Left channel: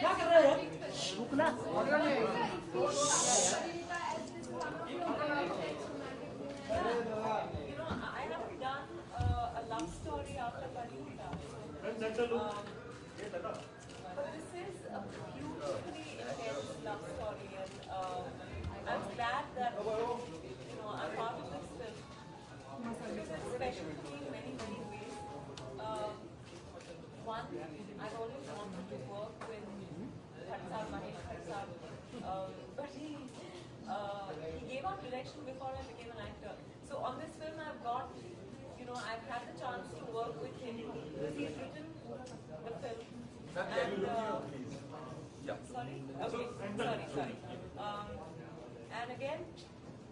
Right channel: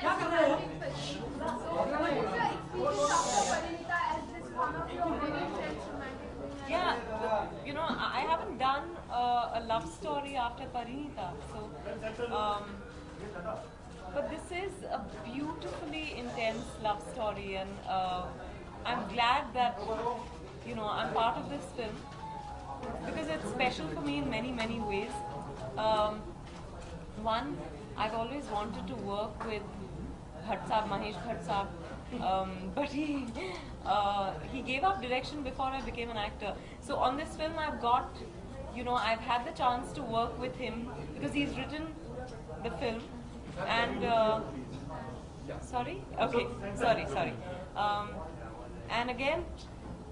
क्या कर रहे हैं? Yeah, I haven't done a love story after Parinita, but this is a beautifully intense love story, and I'm glad that I'm part of this film because it's special for me in many many ways. Um, One, I've always wanted to work with Bhatt Saab, Mahesh Bhatt Saab, but he gave up direction before I became an actor. So on this film, I've had the chance to work with him because he's written the film, and sorry, okay, sorry. Um, and again,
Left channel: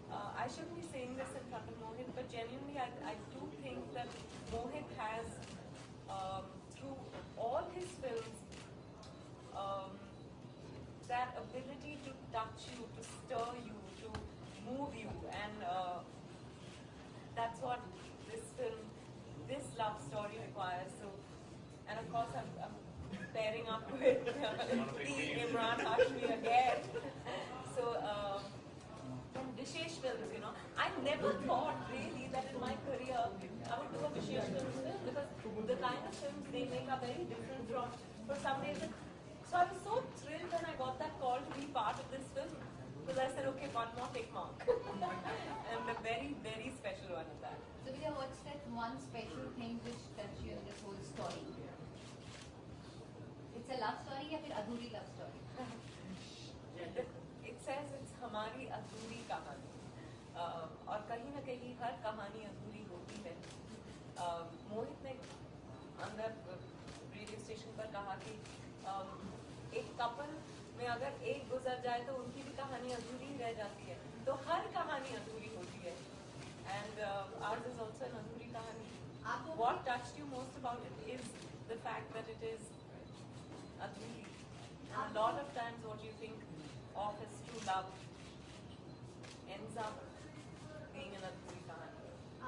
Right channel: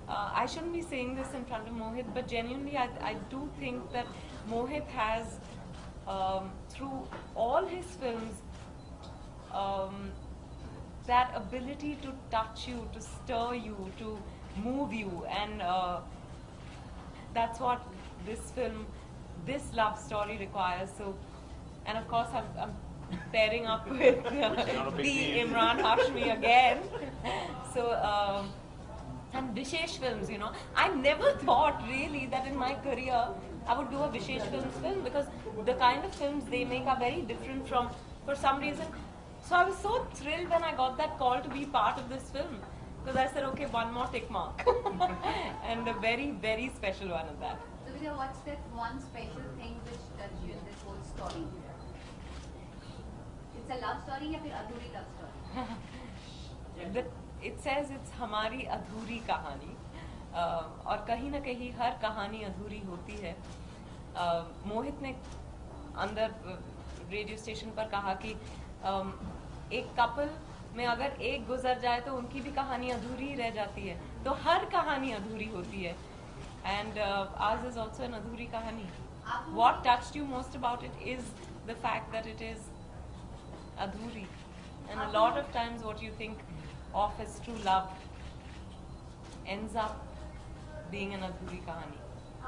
I shouldn't be saying this in front of Mohit, but genuinely, I do think that Mohit has, through all his films, that ability to touch you, to stir you, to move you, and that's what this film, this love story requires. So, and of course, I'm pairing up with the Imran Hashmi again. So, and Vishesh Films, I never thought really that in my career I would do a Vishesh Films film because the kind of films they make are very different from, for some reason. So I was so thrilled when I got that call to be part of this film because I said, okay, one more tick mark. And a very, very special one of that. So Vidya, what's that one special thing which touched you in this whole story? It's a love story or a adhuri love story? It says it's हमारी अधूरी कहानी, और कहीं ना कहीं हर कहानी अधूरी होती है. मोहित ने अंदर रेडियो स्टेशन पर कहा कि एक कपल में अगर एक गुजर जाए तो उनकी भी कहानी अधूरी रह जाती है, तो हर कहानी अधूरी होती है. And ours is also an adhuri kahani. What touched you most about it is the fact that it is adhuri, and a lot of times what you think of as true love ends up being an adhuri kahani.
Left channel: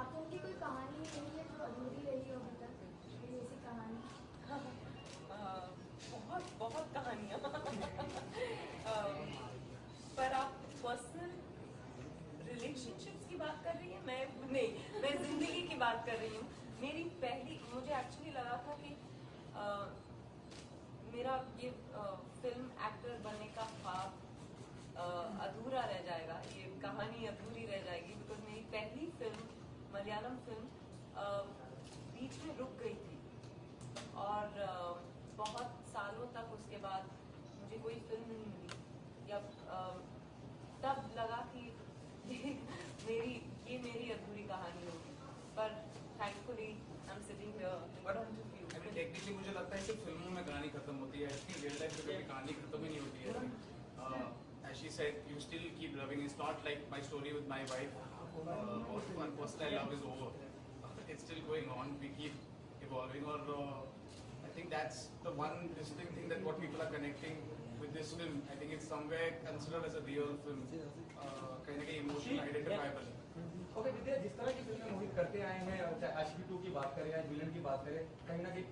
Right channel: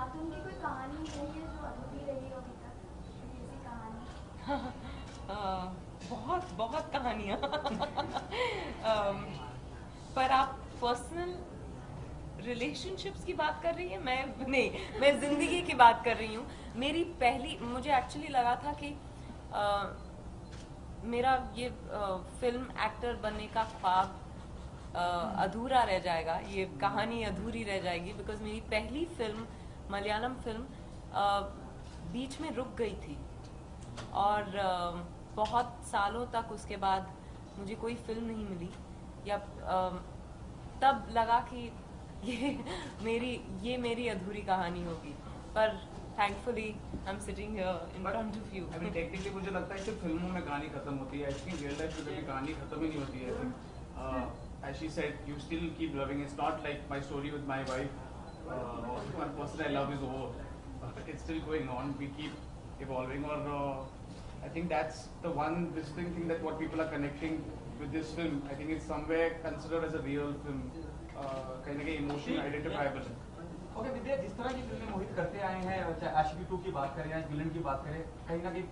आप उनकी कोई कहानी रही है जो अधूरी रही हो अभी तक, कोई ऐसी कहानी? बहुत बहुत कहानियाँ. पर आप पर्सनल रिलेशनशिप्स की बात कर रही हैं? मैं जिंदगी की बात कर रही हूँ. मेरी पहली, मुझे एक्चुअली लगा था कि मेरा ये फिल्म एक्टर बनने का ख्वाब अधूरा रह जाएगा, ये कहानी अधूरी रह जाएगी, बिकॉज मेरी पहली फिल्म, मलयालम फिल्म, बीच में रुक गई थी और बहुत सालों तक उसके बाद मुझे कोई फिल्म नहीं मिली, या तब लगा कि ये मेरी अधूरी कहानी होगी. पर thankfully I am sitting here in front of you. अभी टेक्निकली मुझे लगता है कि फिल्मों में कहानी खत्म होती है, ऐसी रियल लाइफ में कभी कहानी खत्म ही नहीं होती है. As she said, you still keep loving. It's not like my story with my wife. One person I love is over. It's still going on. We keep evolving. Or I think that's the one distinct thing that what people are connecting with this film. I think it's somewhere considered as a real film. कहीं ना कहीं emotional identifiable है. ओके विद्या, जिस तरह की फिल्में मोहित करते आए हैं, चाहे आशिकी 2 की बात करें या विलन की बात करें, कहीं ना कहीं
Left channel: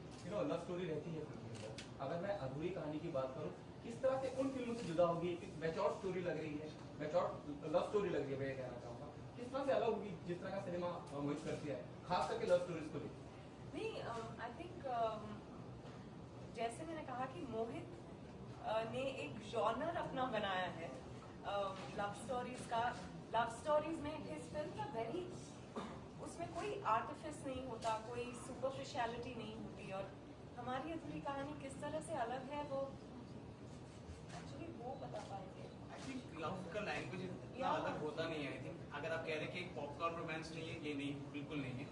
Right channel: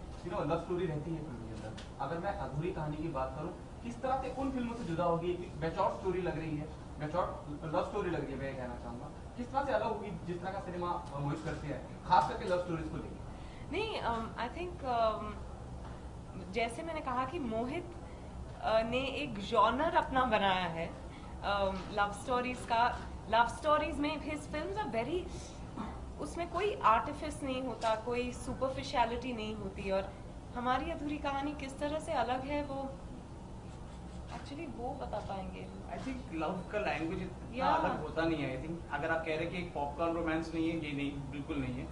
लव स्टोरी रहती है फिल्म के अंदर. अगर मैं अधूरी कहानी की बात करूं, किस तरह से उन फिल्मों से जुदा होगी? मैच्योर स्टोरी लग रही है, मैच्योर लव स्टोरी लग रही है, मैं कहना चाहूँगा. किस तरह से अलग होगी जिस तरह का सिनेमा मोहित करते हैं, खास करके लव स्टोरीज को लेकर? नहीं, आई थिंक जैसे मैंने कहा कि मोहित ने एक जॉनर अपना बनाया है लव स्टोरीज का. लव स्टोरीज में हिज फिल्म्स आर वेरी, उसमें कोई आर्टिफिस नहीं होता, कोई सुपरफिशियलिटी नहीं होती. और हमारी अधूरी कहानी किस तरह से अलग है वो एक्चुअली वो बता पाएंगे. आई थिंक लव का लैंग्वेज इतना अलग होता नहीं है. आई थिंक अगर आप कह रहे हैं कि एक पॉपकॉर्न रोमांस नहीं है, ये नहीं, बिल्कुल नहीं है.